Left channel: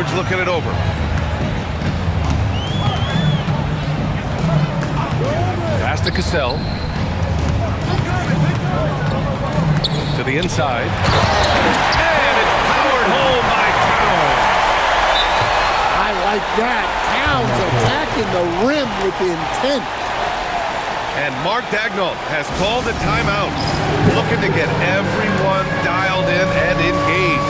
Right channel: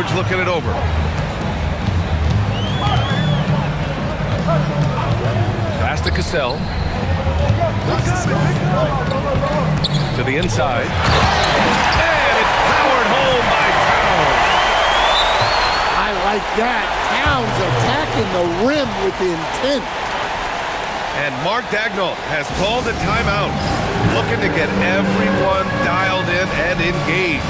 Edwards looking it over. Pass to Cassell. To the inside. And it's powered home by Towns. I like that. Towns attacking the rim with intent. And Mark Daigneault has called a timeout, looking to get everyone dialed in and engaged.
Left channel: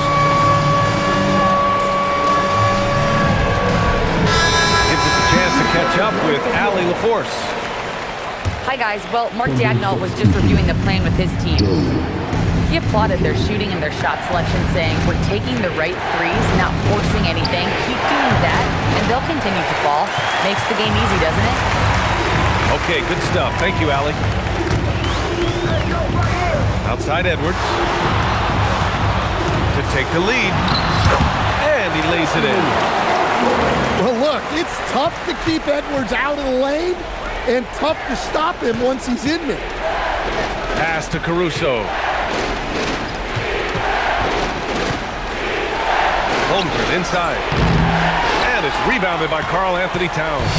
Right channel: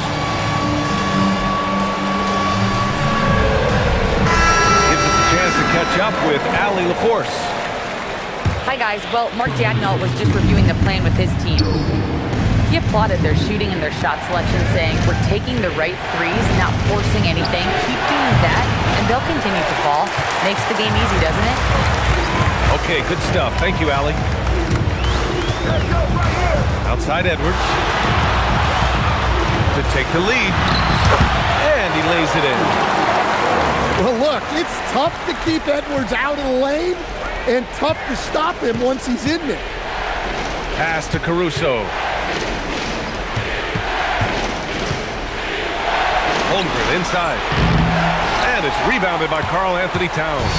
Gives us a chance to catch up with Allie LaForce. Hi guys, well, Mark Daigneault was just reviewing the plan with his team. He applauded their shooting and their shot selection, saying, "We're taking the right threes, not forcing anything. Keep doing that, and they'll continue to fall." Makes the game easy, doesn't it? Okay, good stuff. Thank you, Allie. Outside Edwards. To take the lead. And he lays it in. Well, look, it's tough to keep Edwards out of the lane and tough to stop him once he's in there. Pass to Caruso. Holmgren inside. And it's rebounded by Karl Anthony Towns.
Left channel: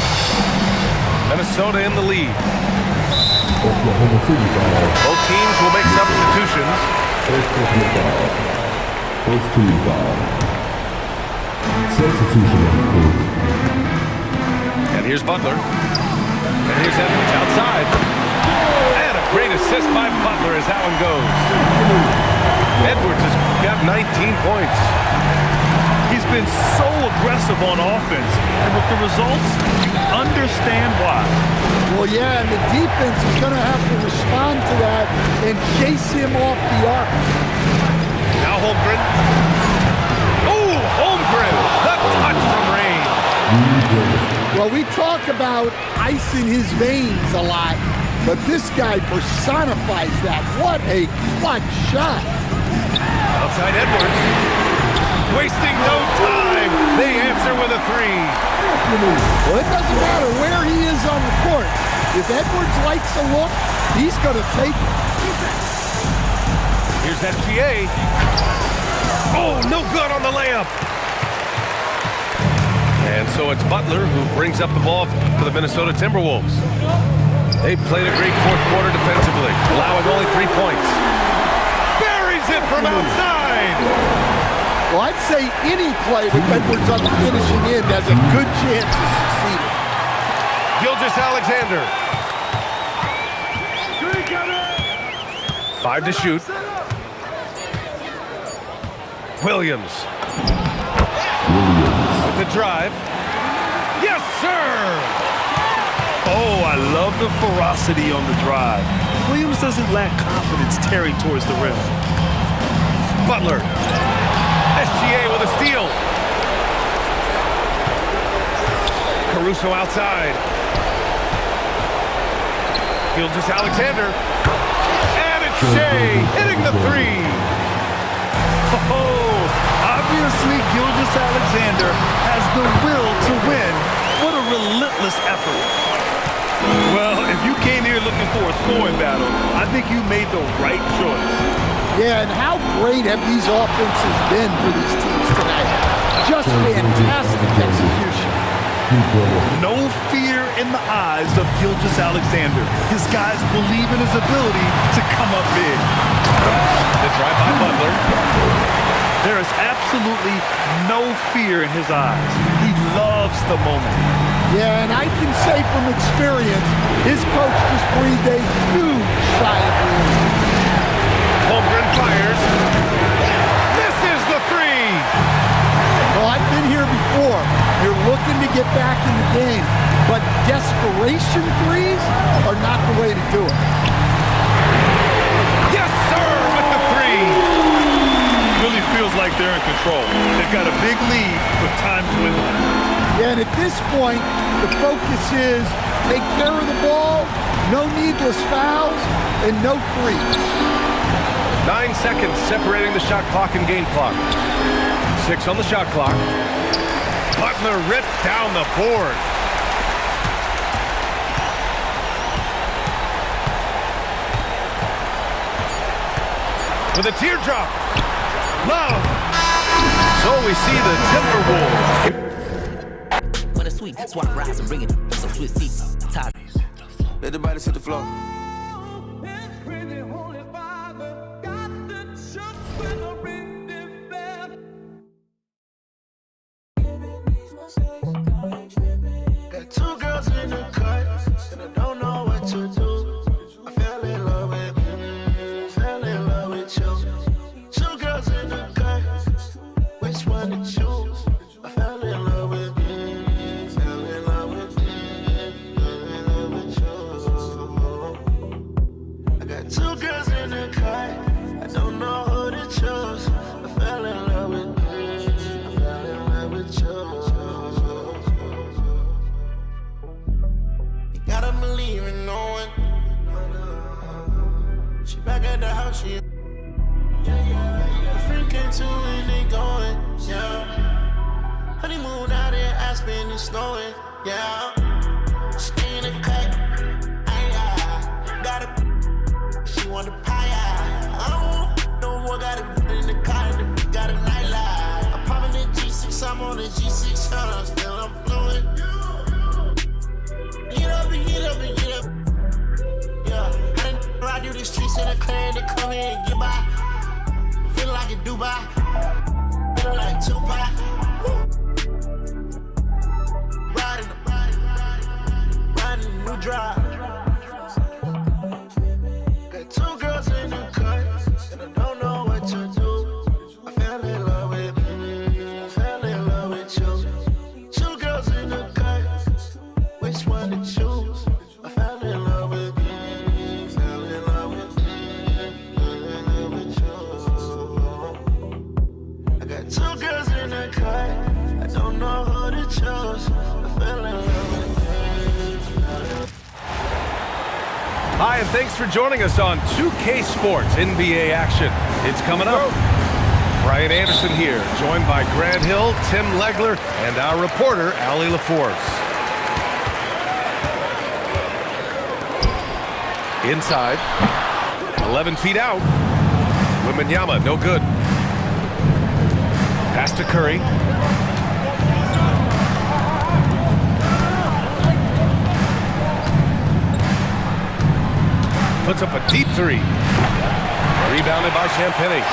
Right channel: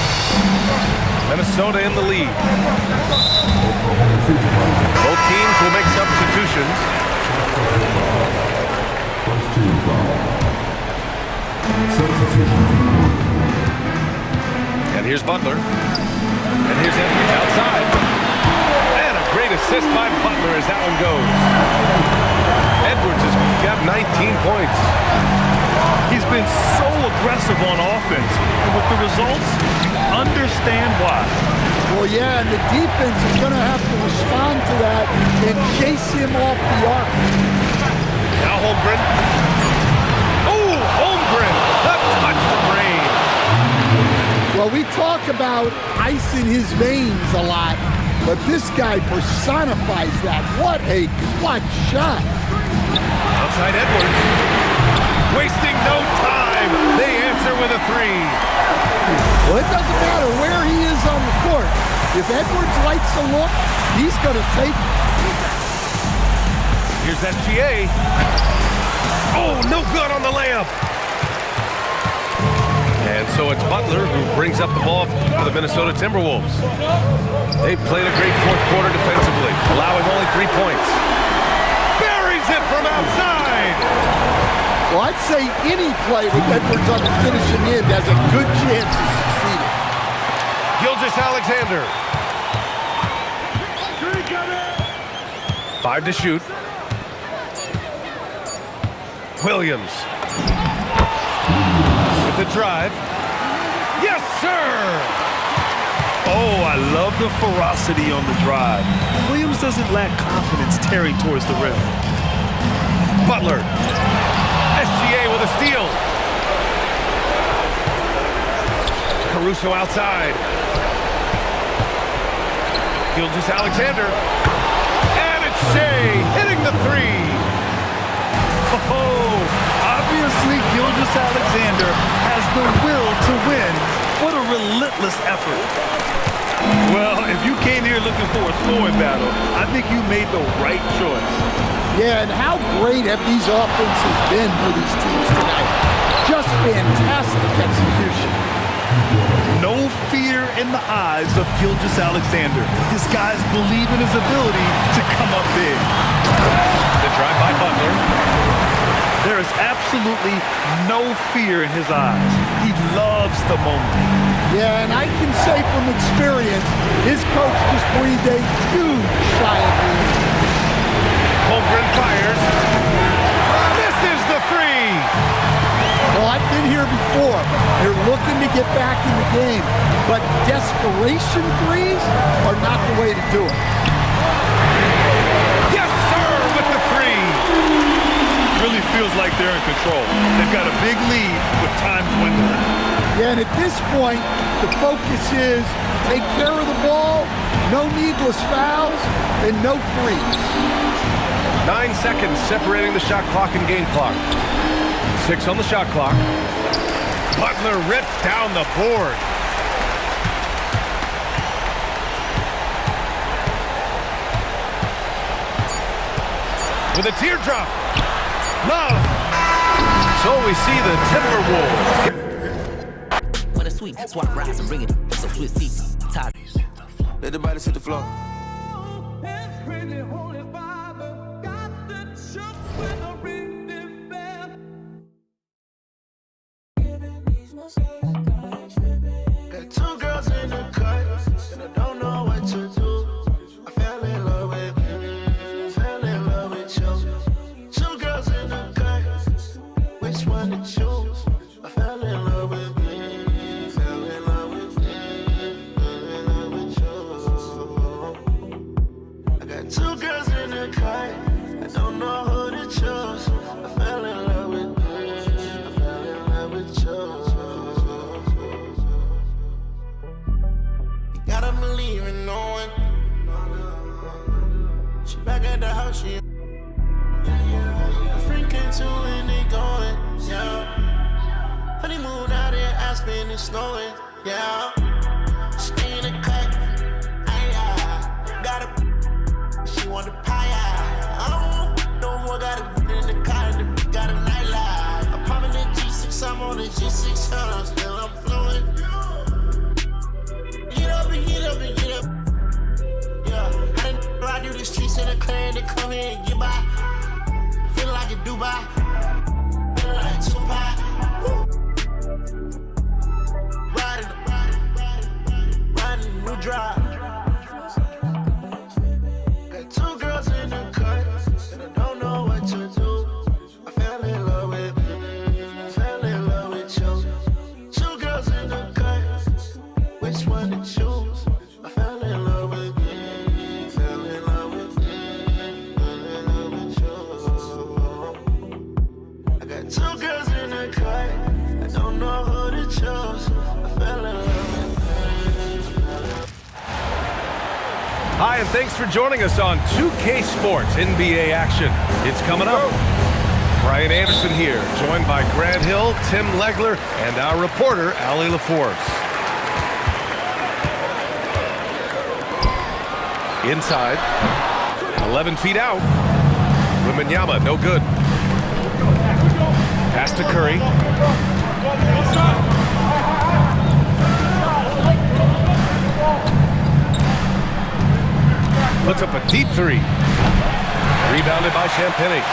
Minnesota in the lead. Both teams will make substitutions. First team foul. Substitution on court. And here's Butler. And here's Edwards outside. And a great assist by Butler as that one goes. Edwards has got 19 points. He's been so aggressive on offense, and with the results, you understand why. Well, yeah, and the defense is going to have to respond to that and chase him off the arc. Now Holmgren. Oh, Holmgren! The touch from range. Well, we talk about ice in his veins a lot, but this guy personifies that. What a clutch shot. Outside Edwards. Wasting no time. They answer with a three. Well, it doesn't matter where he is on the court. If Edwards likes a look, he's going to take it. Here's SGA. Oh, no good on the layup. And so it's Butler who brings up the ball for the Minnesota Timberwolves. They've played a great fourth quarter defensively, allowing only 3 points. Buries it from outside. Well, I'd say any play with Edwards on the finishing end has a good chance of succeeding. Gilgeous-Alexander. 5 to shoot. Williams. With the drive. Yes, sir! Oh, I love the ferocity on the drive. Williams doesn't lack confidence tearing towards the rim. Butler. SGA with a steal. Caruso outside. Gilgeous-Alexander. And it's Shea hitting the three. Oh, obviously Gilgeous-Alexander has the will to win. What a relentless effort. Well, if you came here looking for a scoring battle, I think you made the right choice. Yeah, and how great have these offenses been for these teams tonight? Just fantastic execution. No fear in the eyes of Gilgeous-Alexander. His guys believe in his ability to come up big. The drive by Butler. There is absolutely no fear in his eyes. He loves the moment. Yeah, and I can say from experience, his coach just breathed a huge sigh of relief. Holmgren fires. Misses the three. Well, I've been here before. You're looking to get back in the game, but desperation threes are not the way to do it. Yes, sir, with the three. Really feels like they're in control. They've got a big lead with time dwindling. Yeah, and at this point, the focus is take care of the ball, no needless fouls, and no threes. 9 seconds separating the shot clock and game clock. 6 on the shot clock. Butler rips down the board. With a teardrop. Love. So we see the Timberwolves. When it's sweet, swap rise and bring it. So switch seats, ties. Let the body hit the floor. Got two girls in the cut, and I don't know what to do. I fell in love with you. Two girls in the cut, which one to choose? I fell in love with you. Fell in love with you. I got two girls in the cut, I don't know who to choose. I fell in love with you. I fell in love with you. Gotta believe in knowing. She back at the house, she. A friend came to and they going, yeah. Honeymoon out here, Aspen and snowing, yeah. Stay in the cut, got a. She want the pie, I don't no more, got a in the car and the got a nightlife. I'm popping the G6, I'm on the G600, still I'm fluent. Get up and get up and get up. Yeah, I done ride through the streets in a clan to come here and get by. Feeling like a Dubai. Feeling like Tupac. Riding the new drive. Got two girls in the cut, and I don't know what to do. I fell in love with you. Two girls in the cut. Which one to choose? I fell in love with you. Fell in love with you. Fell in love with you. I got two girls in the cut. I don't know who to choose. I fell in love with you. Hi, and thanks for joining us on 2K Sports NBA action. It's coming up. Brian Anderson here, joined by Grant Hill, Tim Legler, and our reporter, Allie LaForce. Inside, 11 feet out. Wembanyama, no good. Pass to Curry. Puts up a deep three. Rebounded by Champagnie.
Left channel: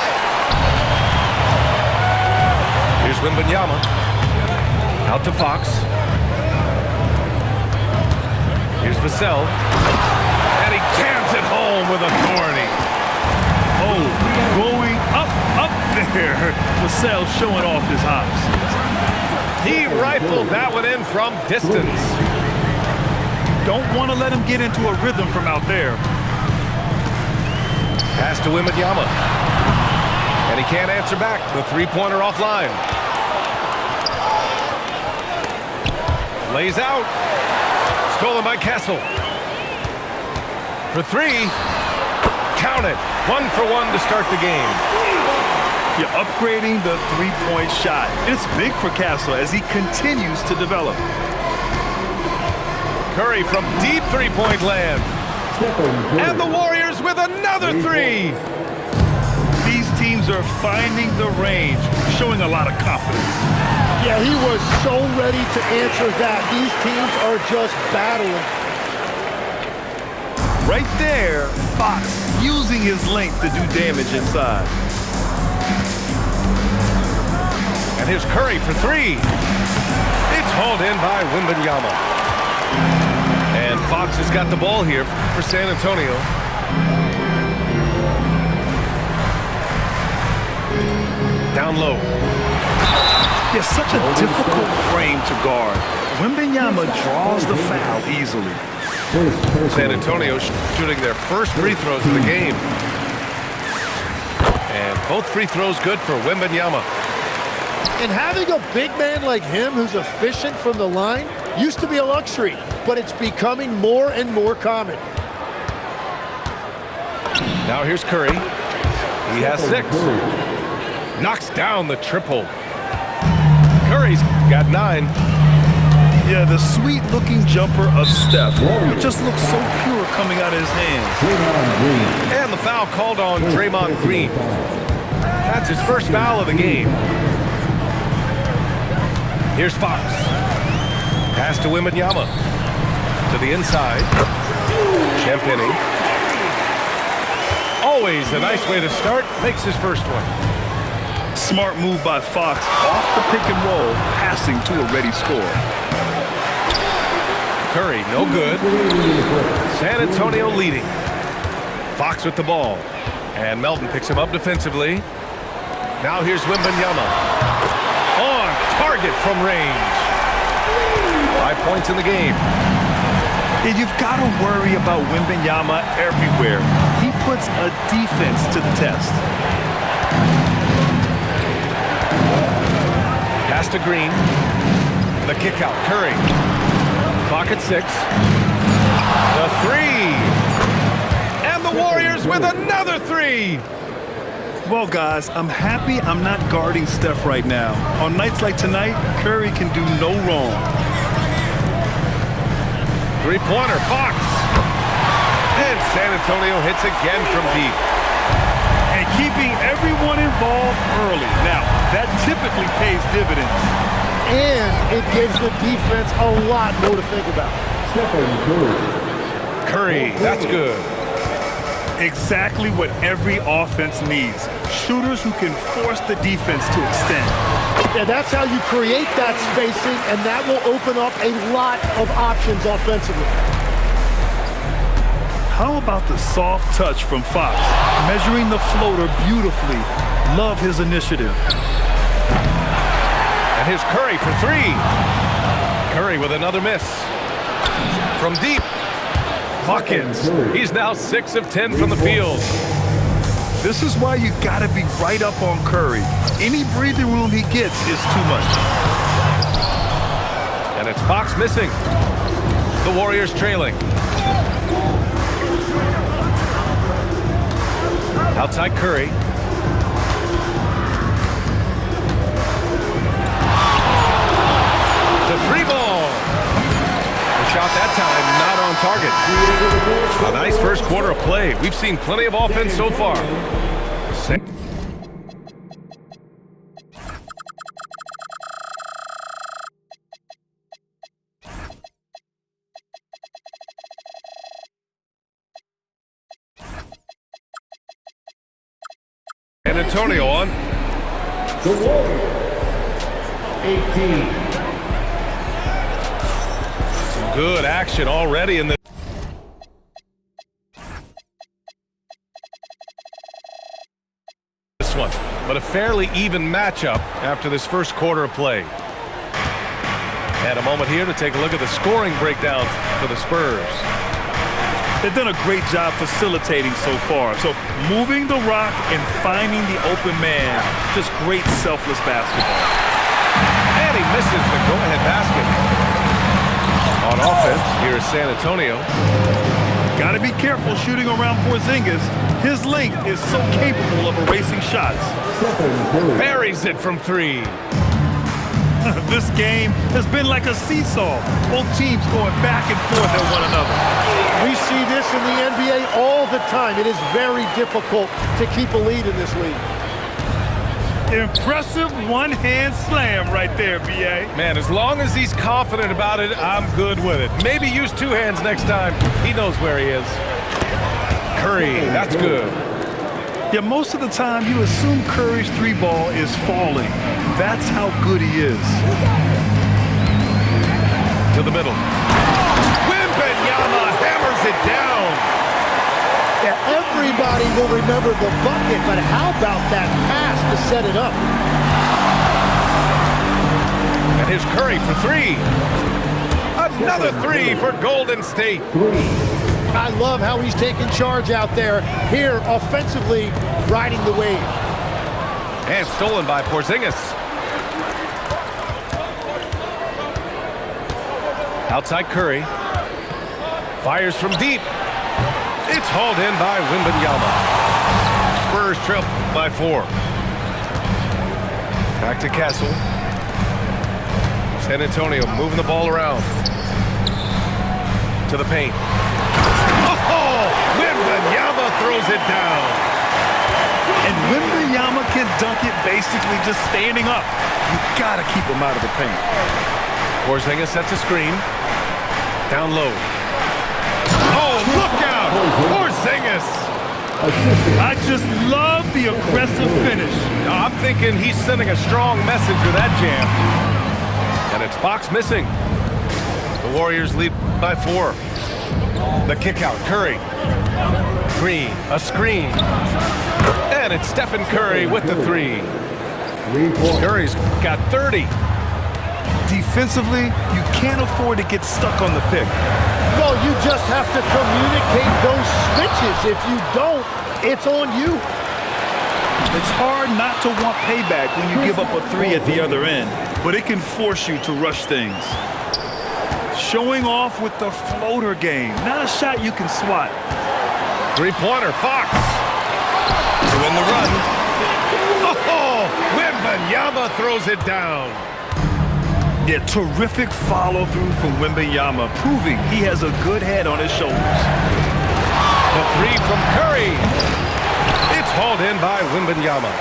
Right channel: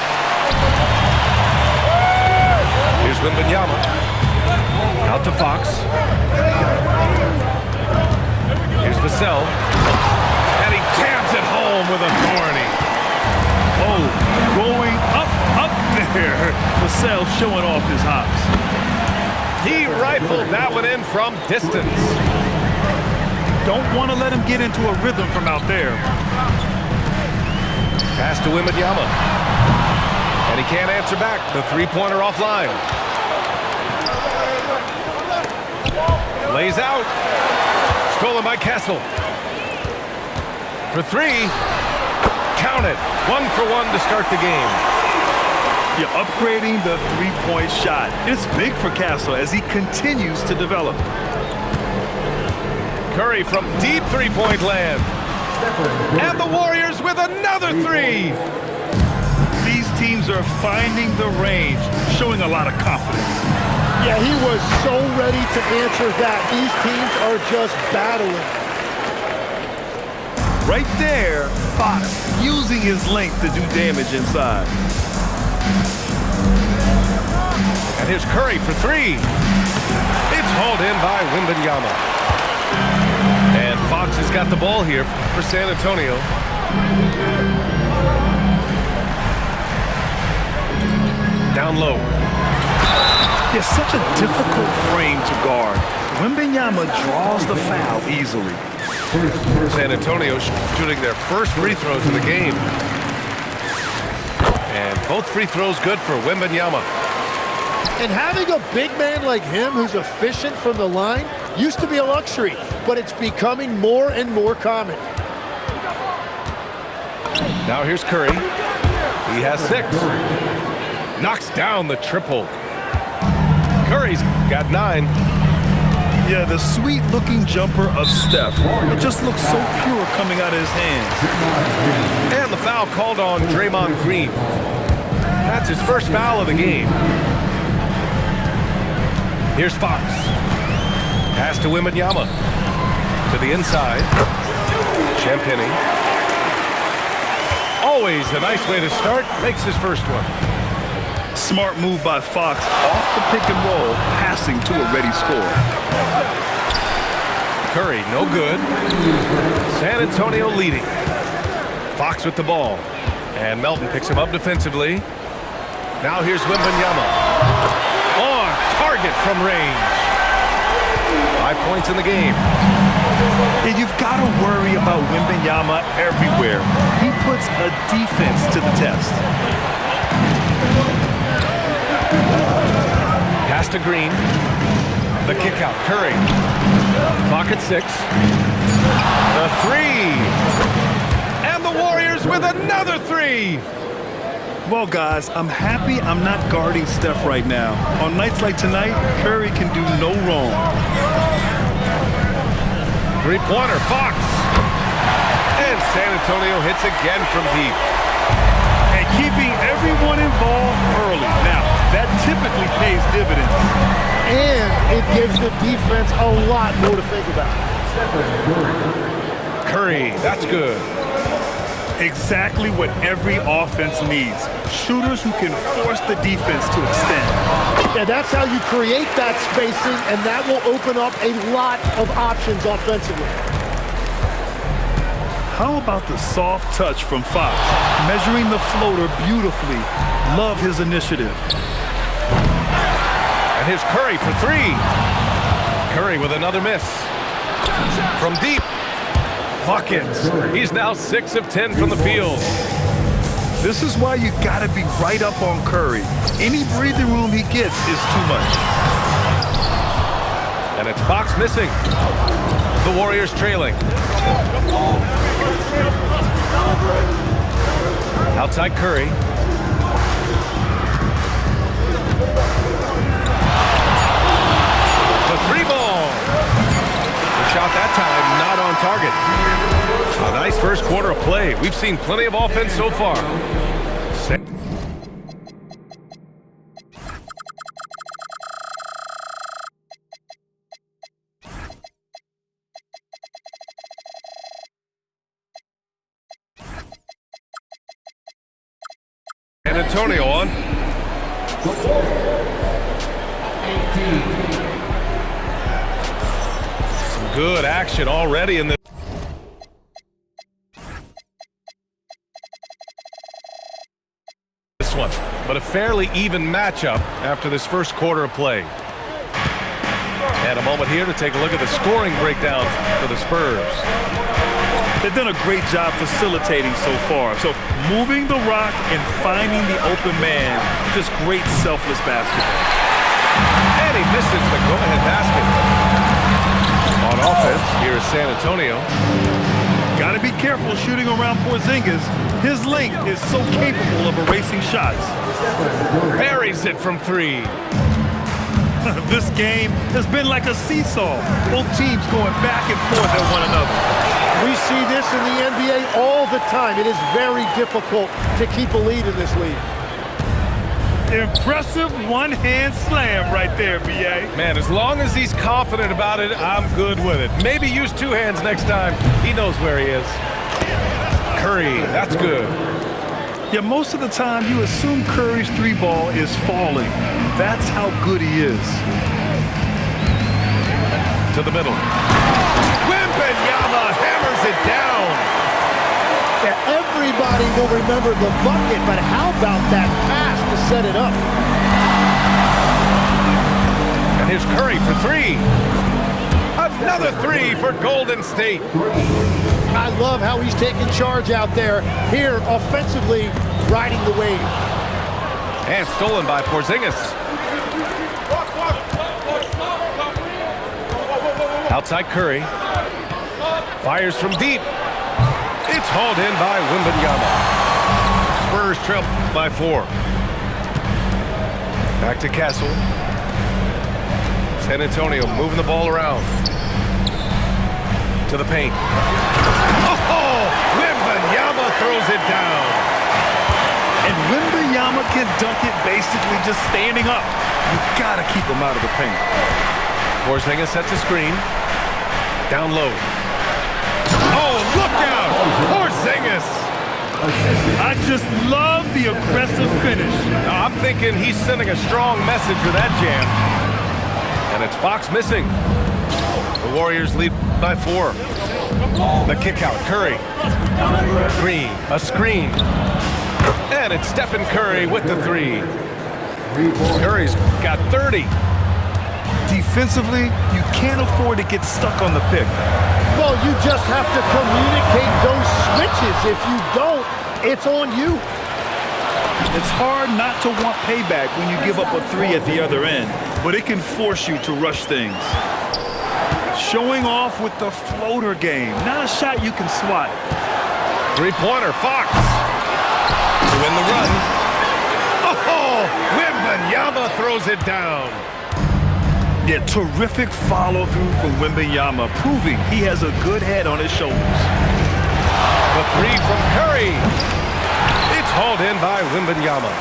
Here's Wembanyama. Out to Fox. Here's Vassell. And he jams it home with authority. Oh, going up there. Vassell showing off his hops. He rifled that one in from distance. Don't want to let him get into a rhythm from out there. Pass to Wembanyama. And he can't answer back. The three-pointer offline. Lays out. Stolen by Kessel. For three. Count it. 1 for 1 to start the game. You're upgrading the three-point shot. It's big for Castle as he continues to develop. Curry from deep three-point land. And the Warriors with another three. These teams are finding the range, showing a lot of confidence. Yeah, he was so ready to answer that. These teams are just battling. Right there, Fox using his length to do damage inside. And here's Curry for three. It's hauled in by Wembanyama. And Fox has got the ball here for San Antonio. Down low. It's such a difficult frame to guard. Wembanyama draws the foul easily. San Antonio shooting their first free throws of the game. And both free throws good for Wembanyama. And having a big man like him who's efficient from the line used to be a luxury, but it's becoming more and more common. Now here's Curry. He has 6. Knocks down the triple. Curry's got 9. Yeah, the sweet-looking jumper of Steph. It just looks so pure coming out of his hands. And the foul called on Draymond Green. That's his first foul of the game. Here's Fox. Pass to Wembanyama. To the inside. Champagnie. Always a nice way to start. Makes his first one. Smart move by Fox off the pick and roll, passing to a ready score. Curry, no good. San Antonio leading. Fox with the ball. And Melton picks him up defensively. Now here's Wembanyama. On target from range. 5 points in the game. And you've got to worry about Wembanyama everywhere. He puts a defense to the test. Pass to Green. The kick out. Curry. Clock at 6. The three. And the Warriors with another three. Well, guys, I'm happy I'm not guarding Steph right now. On nights like tonight, Curry can do no wrong. Three-pointer, Fox. And San Antonio hits again from deep. And keeping everyone involved early. Now, that typically pays dividends. And it gives the defense a lot more to think about. Curry, that's good. Exactly what every offense needs. Shooters who can force the defense to extend. Yeah, that's how you create that spacing, and that will open up a lot of options offensively. How about the soft touch from Fox? Measuring the floater beautifully. Love his initiative. And here's Curry for three. Curry with another miss. From deep. Buckets. He's now 6 of 10 from the field. This is why you got to be right up on Curry. Any breathing room he gets is too much. And it's Fox missing. The Warriors trailing. Outside Curry. The three ball. The shot that time not on target. A nice first quarter of play. We've seen plenty of offense so far. San Antonio on. The Warriors, 18. Some good action already in this one, but a fairly even matchup after this first quarter of play. And a moment here to take a look at the scoring breakdown for the Spurs. They've done a great job facilitating so far. So moving the rock and finding the open man, just great selfless basketball. And he misses the go-ahead basket. On offense, here is San Antonio. Got to be careful shooting around Porzingis. His length is so capable of erasing shots. Buries it from three. This game has been like a seesaw. Both teams going back and forth at one another. We see this in the NBA all the time. It is very difficult to keep a lead in this league. Impressive one-hand slam right there, B.A. Man, as long as he's confident about it, I'm good with it. Maybe use two hands next time. He knows where he is. Curry, that's good. Yeah, most of the time you assume Curry's three ball is falling. That's how good he is. To the middle. Wembanyama hammers it down. Yeah, everybody will remember the bucket, but how about that pass to set it up? And here's Curry for three. Another three for Golden State. I love how he's taking charge out there. Here, offensively, riding the wave. And stolen by Porzingis. Outside Curry. Fires from deep. It's hauled in by Wembanyama. Spurs trail by 4. Back to Castle. San Antonio moving the ball around. To the paint. Oh, Wembanyama throws it down. And Wembanyama can dunk it basically just standing up. You gotta keep him out of the paint. Porzingis sets a screen. Down low. Oh, look out! Porzingis! I just love the aggressive finish. I'm thinking he's sending a strong message with that jam. And it's Fox missing. The Warriors lead by 4. The kick out, Curry. Green, a screen. And it's Stephen Curry with the 3. Curry's got 30. Defensively, you can't afford to get stuck on the pick. Well, you just have to communicate those switches. If you don't, it's on you. It's hard not to want payback when you give up a 3 at the other end, but it can force you to rush things. Showing off with the floater game, not a shot you can swat. Three-pointer, Fox. To win the run. Oh, Wembanyama throws it down. Yeah, terrific follow-through from Wembanyama, proving he has a good head on his shoulders. The 3 from Curry. It's hauled in by Wembanyama.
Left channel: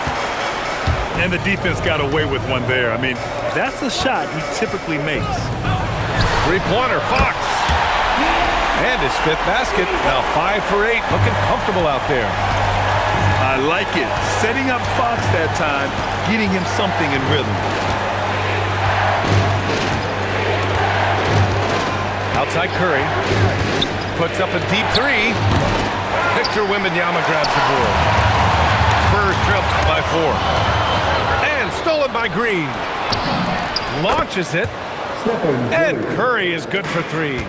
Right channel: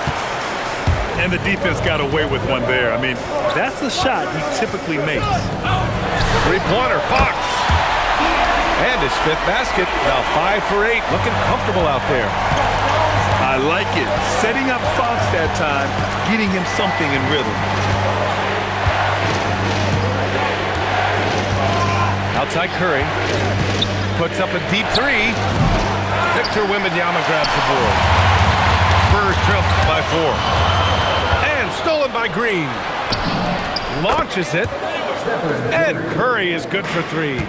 And the defense got away with one there. I mean, that's a shot he typically makes. Three-pointer, Fox. And his 5th basket. Now 5 for 8. Looking comfortable out there. I like it. Setting up Fox that time, getting him something in rhythm. Outside Curry. Puts up a deep 3. Victor Wembanyama grabs the board. Spurs trail by 4. And stolen by Green. Launches it. And Curry is good for 3.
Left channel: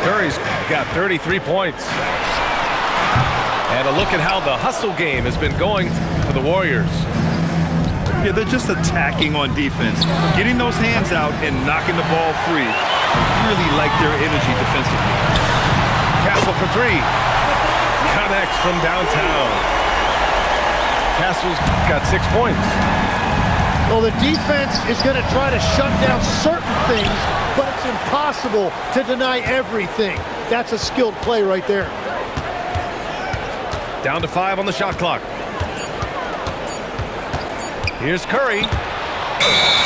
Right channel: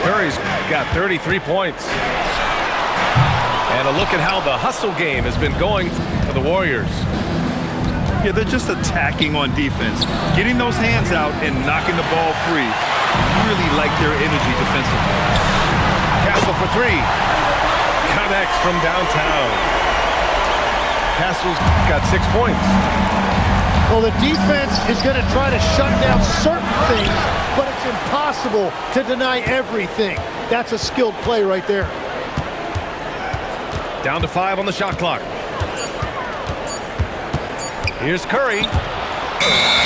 Curry's got 33 points. And a look at how the hustle game has been going for the Warriors. Yeah, they're just attacking on defense. Getting those hands out and knocking the ball free. I really like their energy defensively. Castle for 3. Connects from downtown. Castle's got 6 points. Well, the defense is going to try to shut down certain things, but it's impossible to deny everything. That's a skilled play right there. Down to 5 on the shot clock. Here's Curry.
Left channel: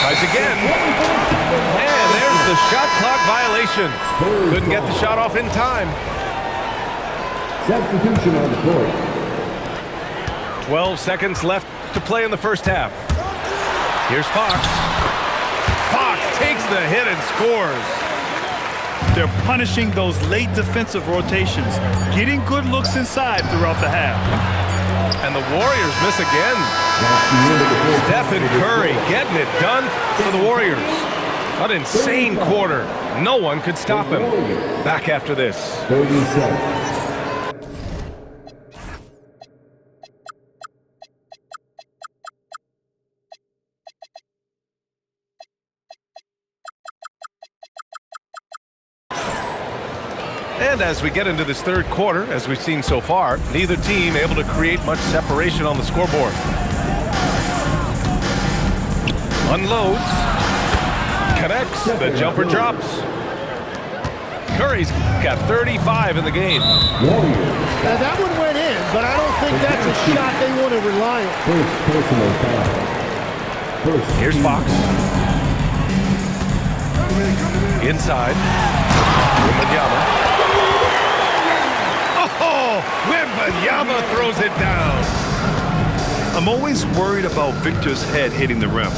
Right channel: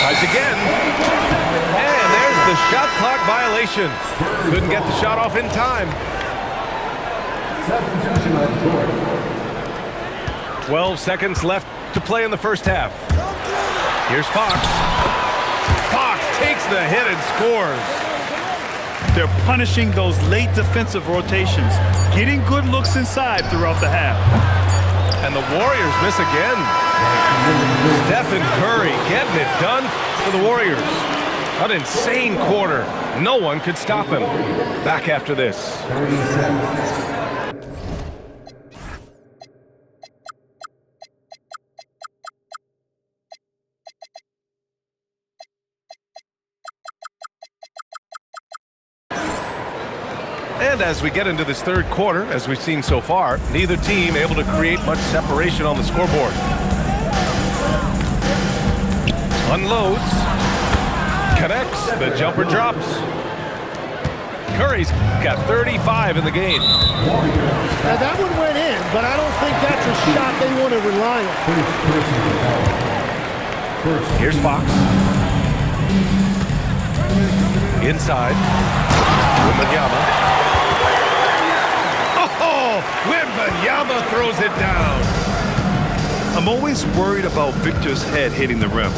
Tries again. And there's the shot clock violation. Couldn't get the shot off in time. Substitution on the court. 12 seconds left to play in the first half. Here's Fox. Fox takes the hit and scores. They're punishing those late defensive rotations, getting good looks inside throughout the half. And the Warriors miss again. Stephen Curry getting it done for the Warriors. An insane quarter. No one could stop him. Back after this. 37. And as we get into this third quarter, as we've seen so far, neither team able to create much separation on the scoreboard. Unloads. Connects. The jumper drops. Curry's got 35 in the game. Now that one went in, but I don't think that's a shot they want to rely on. First personal foul. Here's Fox. Inside. Wembanyama. Oh, Wembanyama throws it down. I'm always worried about Victor's head hitting the rim.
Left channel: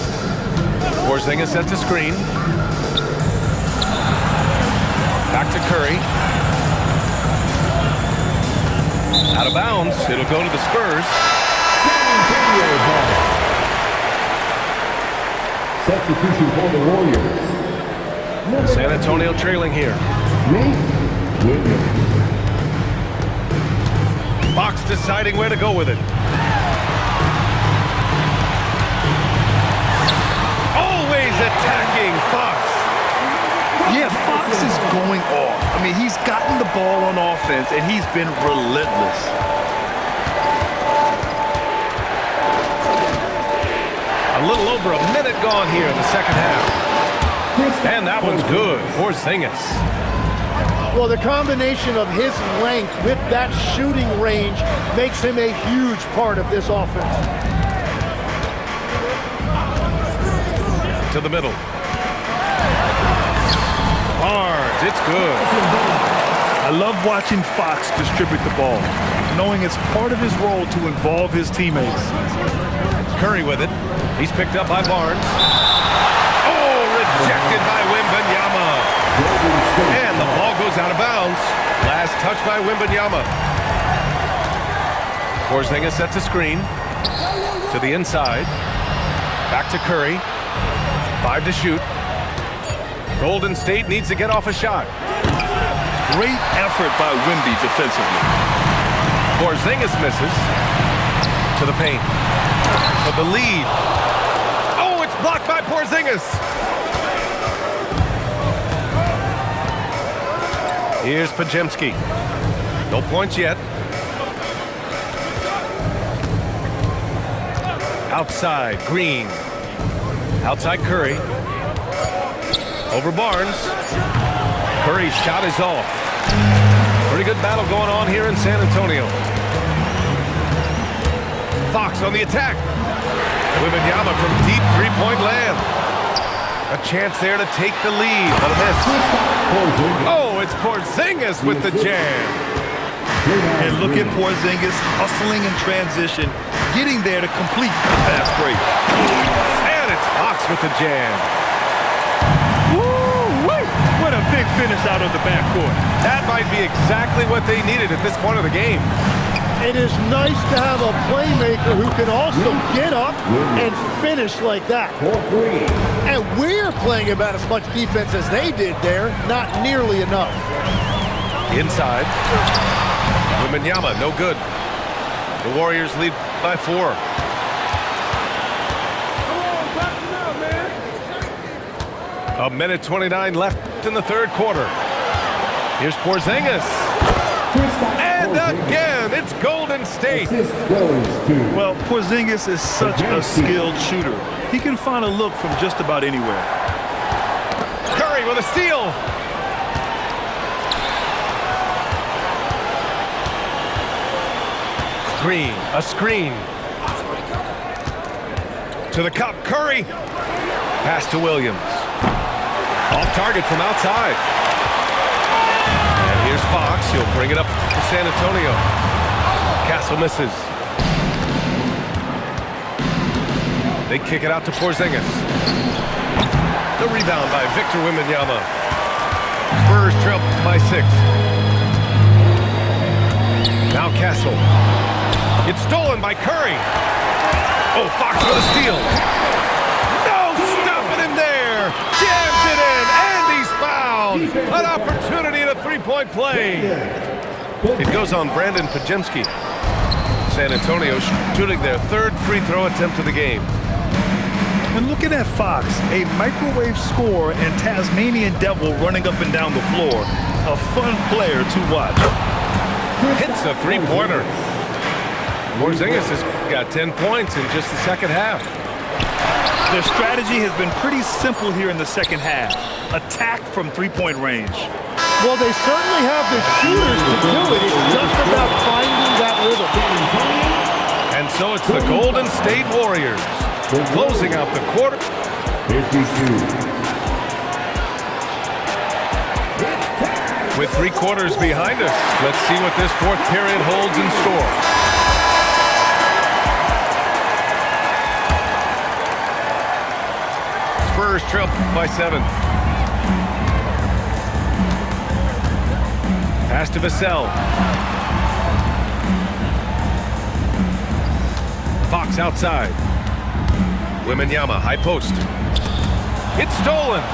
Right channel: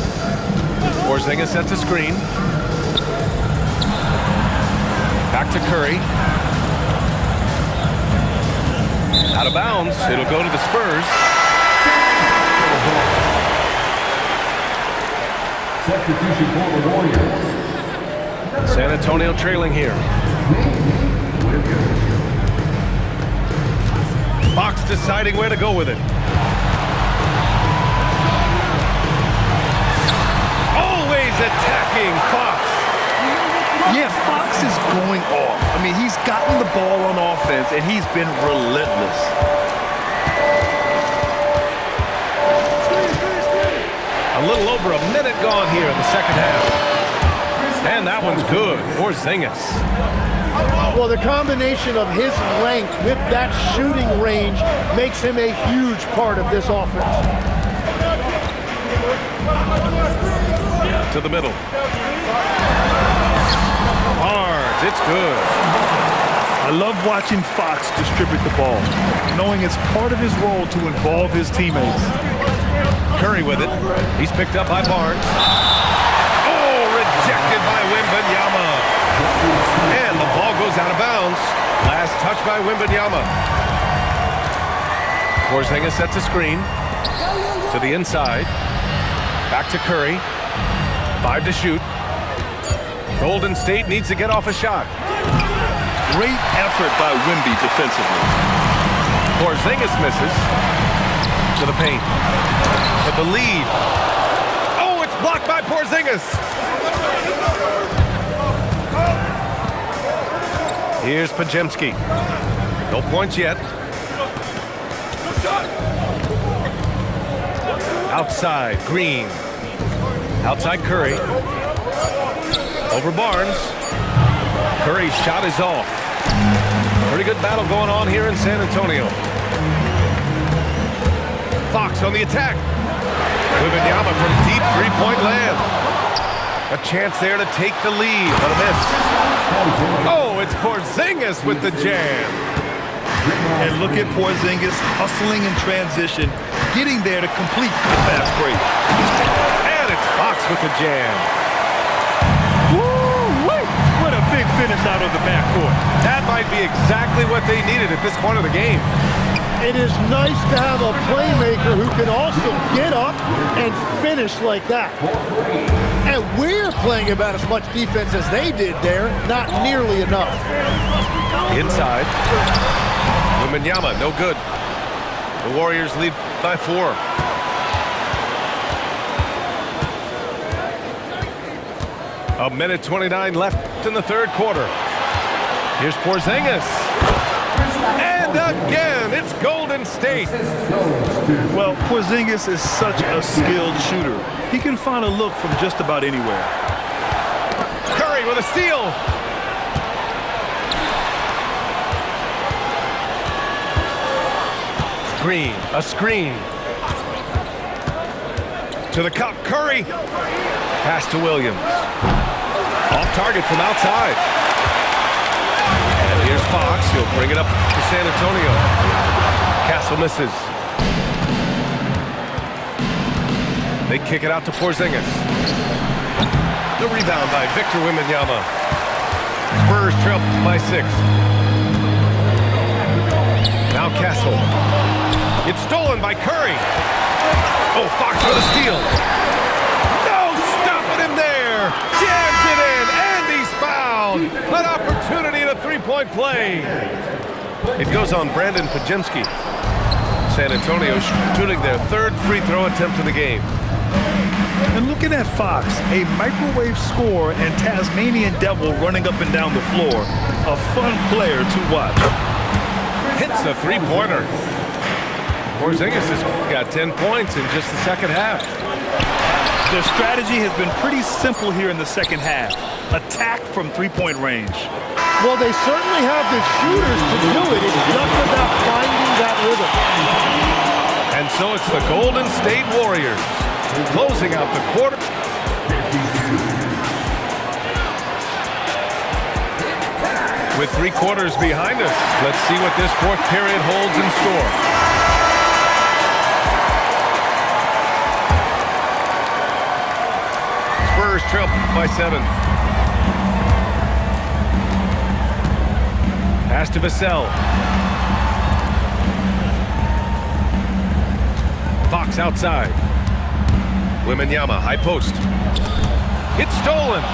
Porzingis sets a screen. Back to Curry. Out of bounds. It'll go to the Spurs. Substitution for the Warriors. San Antonio trailing here. Fox deciding where to go with it. Always attacking Fox. Yeah, Fox is going off. I mean, he's gotten the ball on offense, and he's been relentless. A little over a minute gone here in the second half. And that one's good. Porzingis. Well, the combination of his length with that shooting range makes him a huge part of this offense. To the middle. Barnes, it's good. I love watching Fox distribute the ball, knowing it's part of his role to involve his teammates. Curry with it. He's picked up by Barnes. Oh, rejected by Wembanyama. And the ball goes out of bounds. Last touch by Wembanyama. Porzingis sets a screen. To the inside. Back to Curry. 5 to shoot. Golden State needs to get off a shot. Great effort by Wemby defensively. Porzingis misses. To the paint. For the lead. Oh, it's blocked by Porzingis. Here's Podziemski. No points yet. Outside, Green. Outside Curry. Over Barnes. Curry's shot is off. Pretty good battle going on here in San Antonio. Fox on the attack. Wembanyama from deep three-point land. A chance there to take the lead, but a miss. Oh, it's Porzingis with the jam. And look at Porzingis hustling in transition, getting there to complete the fast break. And it's Fox with the jam. Woo-wee! What a big finish out of the backcourt. That might be exactly what they needed at this point of the game. It is nice to have a playmaker who can also get up and finish like that. And we're playing about as much defense as they did there, not nearly enough. Inside. Wembanyama, no good. The Warriors lead by 4. A minute 29 left in the third quarter. Here's Porzingis. And again, it's Golden State. Well, Porzingis is such a skilled shooter. He can find a look from just about anywhere. Curry with a steal. Green, a screen. To the cup, Curry. Pass to Williams. Off target from outside. And here's Fox. He'll bring it up to San Antonio. Castle misses. They kick it out to Porzingis. The rebound by Victor Wembanyama. Spurs trail by 6. Now Castle. It's stolen by Curry. Oh, Fox with a steal. No stopping him there. Jams it in, and he's fouled. An opportunity at a three-point play. It goes on Brandon Podziemski. San Antonio shooting their third free throw attempt of the game. And looking at Fox, a microwave scorer and Tasmanian devil running up and down the floor. A fun player to watch. Hits a three-pointer. Porzingis has got 10 points in just the second half. Their strategy has been pretty simple here in the second half. Attack from three-point range. Well, they certainly have the shooters to do it. It's just about finding that rhythm. And so it's the Golden State Warriors closing out the quarter. 52. With 3 quarters behind us, let's see what this fourth period holds in store. Spurs trail by 7. Pass to Vassell. Fox outside. Wembanyama, high post. It's stolen.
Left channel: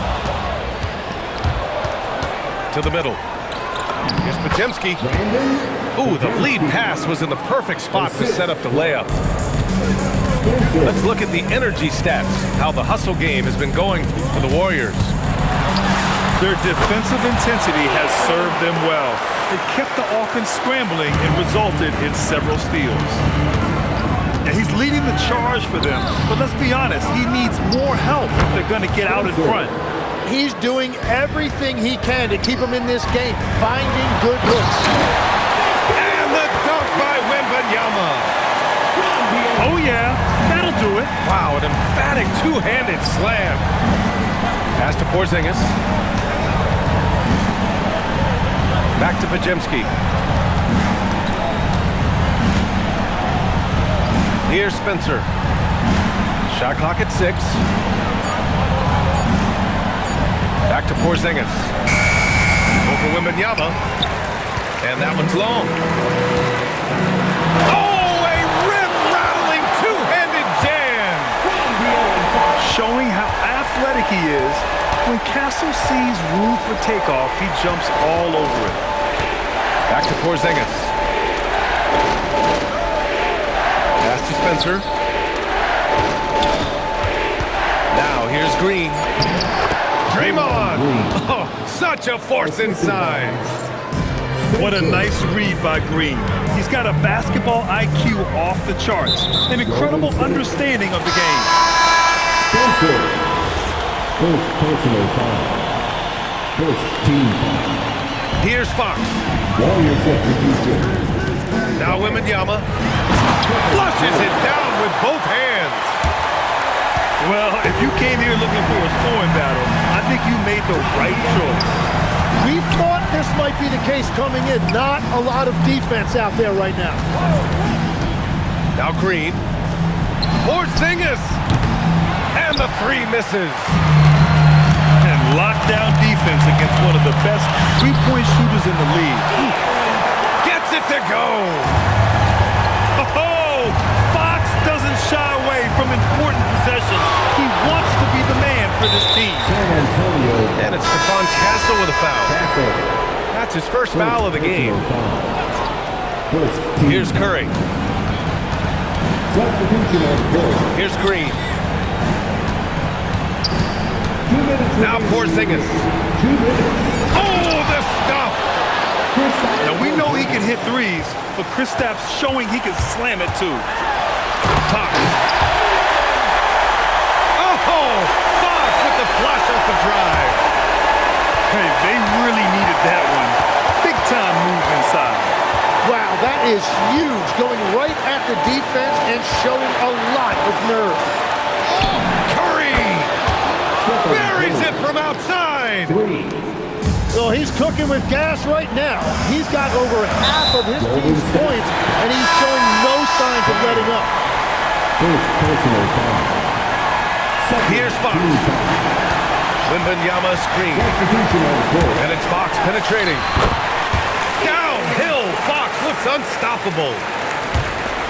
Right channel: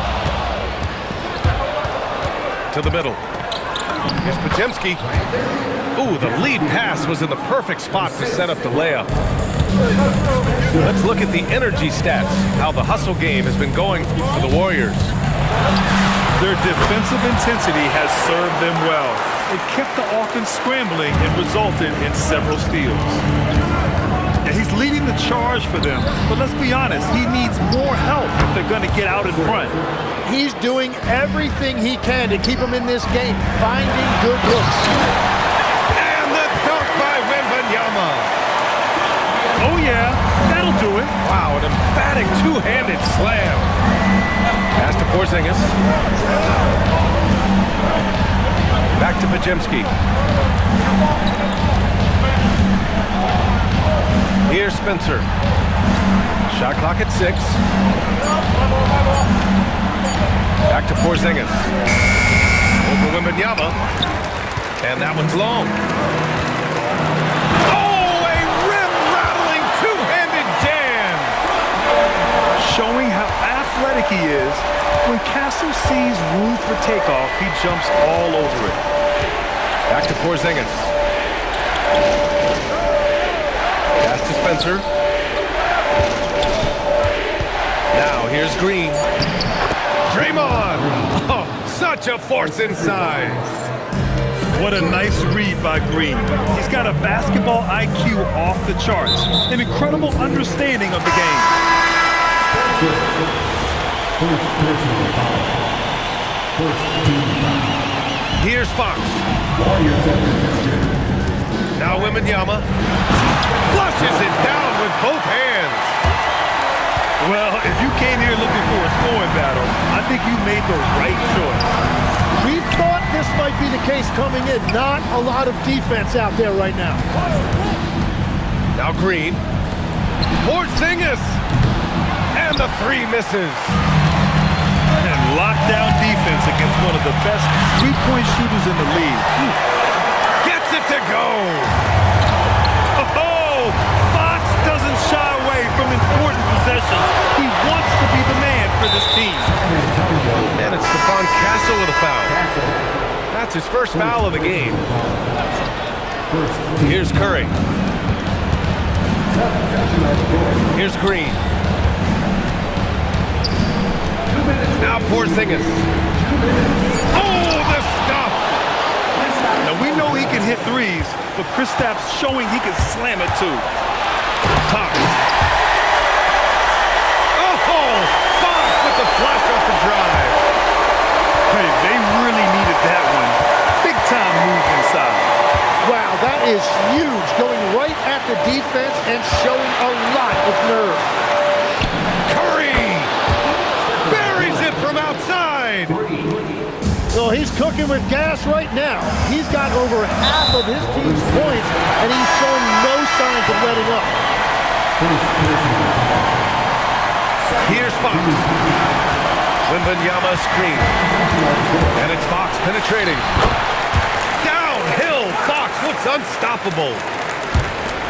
To the middle. Here's Podziemski. Ooh, the lead pass was in the perfect spot to set up the layup. Let's look at the energy stats, how the hustle game has been going for the Warriors. Their defensive intensity has served them well. It kept the offense scrambling and resulted in several steals. Yeah, he's leading the charge for them, but let's be honest, he needs more help if they're going to get out in front. He's doing everything he can to keep him in this game, finding good looks. And the dunk by Wembanyama. Oh, yeah, that'll do it. Wow, an emphatic two-handed slam. Pass to Porzingis. Back to Podziemski. Here's Spencer. Shot clock at 6. Back to Porzingis. Over Wembanyama. And that one's long. Oh, a rim-rattling two-handed jam. Showing how athletic he is. When Castle sees room for takeoff, he jumps all over it. Back to Porzingis. Pass to Spencer. Now here's Green. Draymond. Oh, such a force inside. What a nice read by Green. He's got a basketball IQ off the charts. An incredible understanding of the game. First personal foul. First team foul. Here's Fox. Warrior substitution. Now Wembanyama flushes it down with both hands. Well, if you came here looking for a scoring battle, I think you made the right choice. We thought this might be the case coming in. Not a lot of defense out there right now. Now Green. Porzingis. And the three misses. And lockdown defense against one of the best three-point shooters in the league. Gets it to go. Oh, Fox doesn't shy away from important possessions. He wants to be the man for this team. San Antonio. And it's Stephon Castle with a foul. Castle. That's his first foul of the game. First team. Here's Curry. Substitution of Curry. Here's Green. 2 minutes. Now Porzingis. 2 minutes. Oh, the stuff. Now, we know he can hit threes, but Kristaps showing he can slam it too. Fox. Oh, Fox with the flush off the drive. Hey, they really needed that one. Big time move inside. Wow, that is huge. Going right at the defense and showing a lot of nerve. Curry buries it from outside. 3. Well, he's cooking with gas right now. He's got over half of his team's points, and he's showing no signs of letting up. First personal foul. Here's Fox. Wembanyama screen. Substitution of Curry. And it's Fox penetrating. Downhill, Fox looks unstoppable.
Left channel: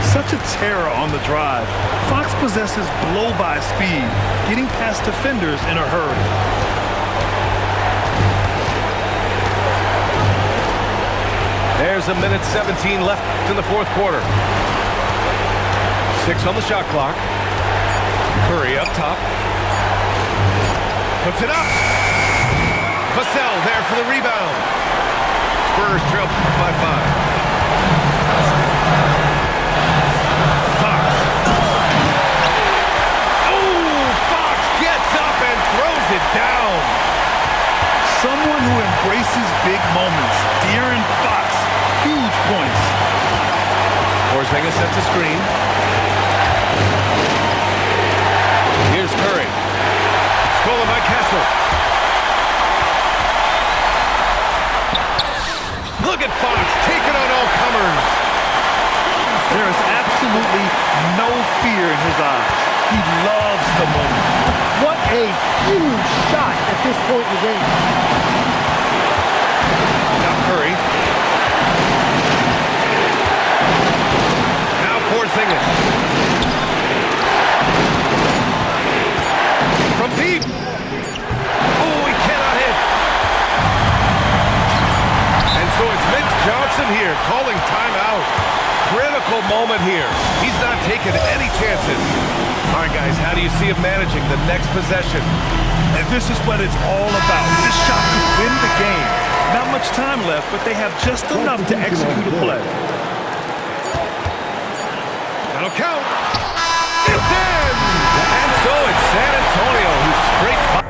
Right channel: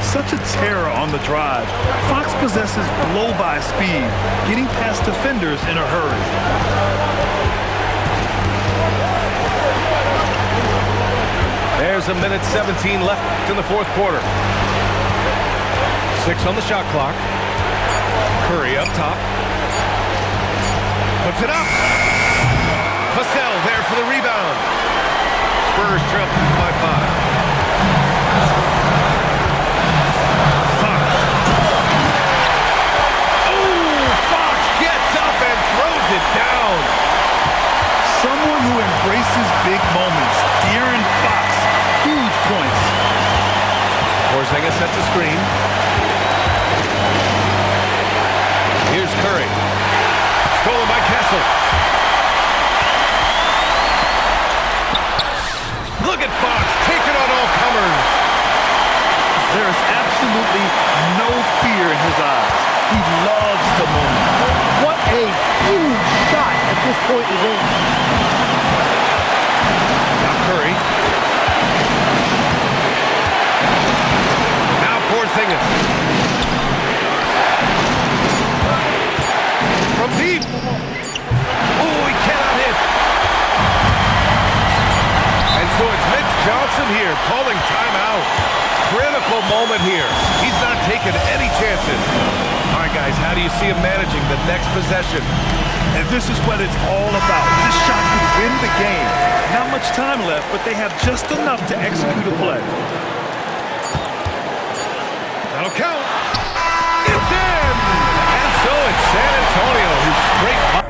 Such a terror on the drive. Fox possesses blow-by speed, getting past defenders in a hurry. There's 1:17 left in the fourth quarter. 6 on the shot clock. Curry up top. Puts it up. Vassell there for the rebound. Spurs trail by 5. Fox. Oh, Fox gets up and throws it down. Someone who embraces big moments. De'Aaron Fox, huge points. Porzingis sets a screen. Here's Curry. Stolen by Castle. Look at Fox, taking on all comers. There is absolutely no fear in his eyes. He loves the moment. What a huge shot at this point in the game. Now Curry. Now Porzingis. From deep. Oh, he cannot hit. And so it's Mitch Johnson here calling timeout. Critical moment here. He's not taking any chances. All right, guys, how do you see him managing the next possession? And this is what it's all about. This shot could win the game. Not much time left, but they have just enough to execute a play. That'll count. It's in! And so it's San Antonio who scraped by.